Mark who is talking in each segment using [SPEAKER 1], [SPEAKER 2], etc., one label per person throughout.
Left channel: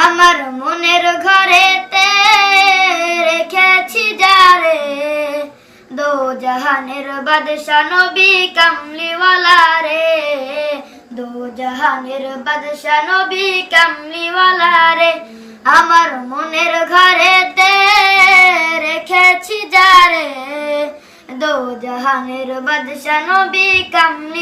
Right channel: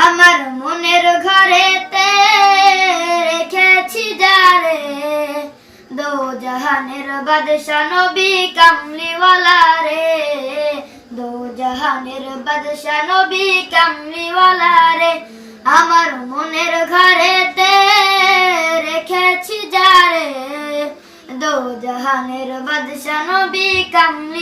[SPEAKER 1] আমার মনের ঘরেতে রেখেছি যারে। দো জাহানের বাদশা নবী কামলিওয়ালা রে। দো জাহানের বাদশা নবী কামলিওয়ালা রে। আমার মনের ঘরেতে রেখেছি যারে। দো জাহানের বাদশা নবী কামলিওয়ালা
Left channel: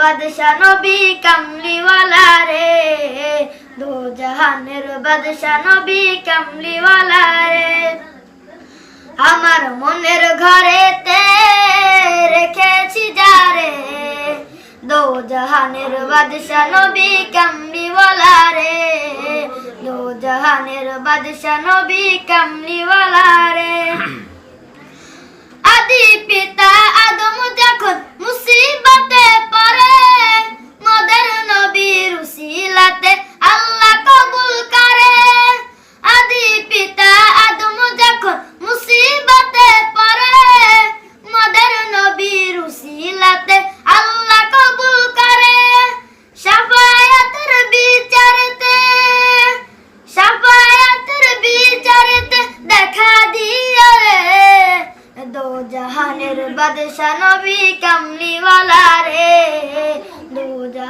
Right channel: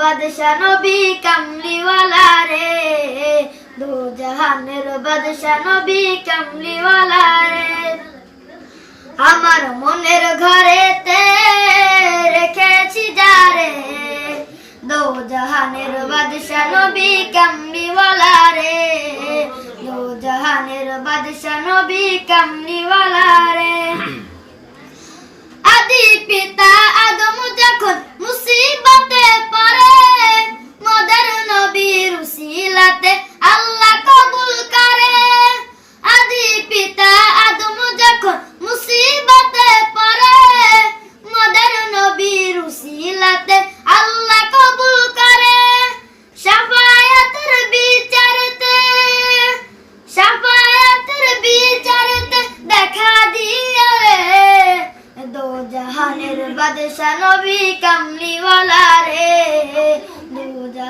[SPEAKER 1] বাদশা নবী কামলিওয়ালা রে। দো জাহানের বাদশা নবী কামলিওয়ালা রে। আমার মনের ঘরেতে জাহানের বাদশা নবী কামলিওয়ালা রে দো জাহানের বাদশা নবী কামলিওয়ালা রে আদি পিতা আদম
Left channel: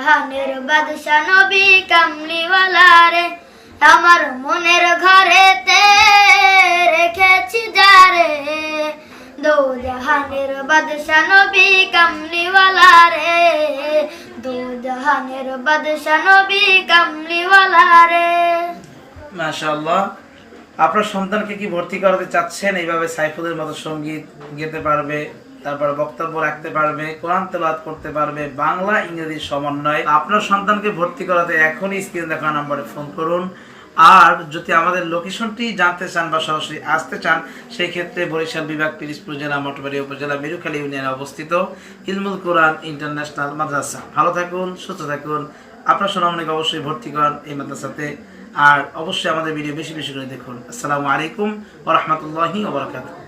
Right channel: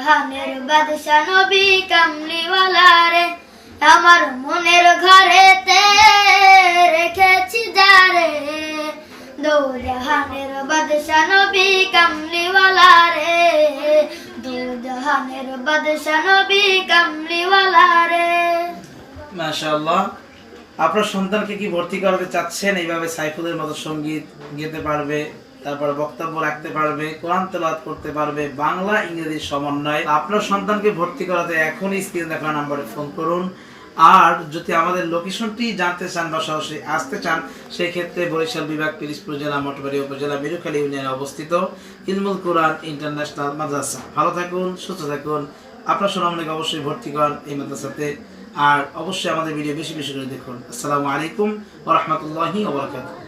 [SPEAKER 1] জাহানের বাদশা নবী কামলিওয়ালা রে আমার মনের ঘরেতে রেখেছি যারে। দো বাদশা নবী কামলিওয়ালা রে দো বাদশা নবী রে
[SPEAKER 2] মাশাআল্লাহ। আপনার সন্তানকে কি ভর্তি করাতে চাচ্ছেন? এইভাবে সাইফুলের মতো সংগীত গেতে পারবে? তারপর বক্তব্য রাখতে পারবে, কোরআন তেলাওয়াত করতে পারবে, বাংলা ইংরেজির সমন্বয়। আপনার সন্তানকে ভর্তি করাতে এখনই স্ক্রিন দেখা নাম্বারে ফোন করুন। আর যদি আমাদের লোকেশনটি জানতে চান বা সরাসরি আসতে চান সেই ক্ষেত্রে বরিশাল বিভাগ পিরিজপুর জেলা মঠবাড়ি উপজেলা, মেরুখালী ইউনিয়নে অবস্থিত ইলমুল কোরআন ইন্টারন্যাশনাল মাদ্রাসা। ভালো থাকুন, সুস্থ থাকুন। আপনার সোনামণিকে অবশ্যই ভর্তি করান এই মাদ্রাসাতে। আর অবশ্যই আমাদের ভিডিও বেশি বেশি করে দেখুন। আসসালামু আলাইকুম ওরহমতুল্লাহি ওবরাকাতুহ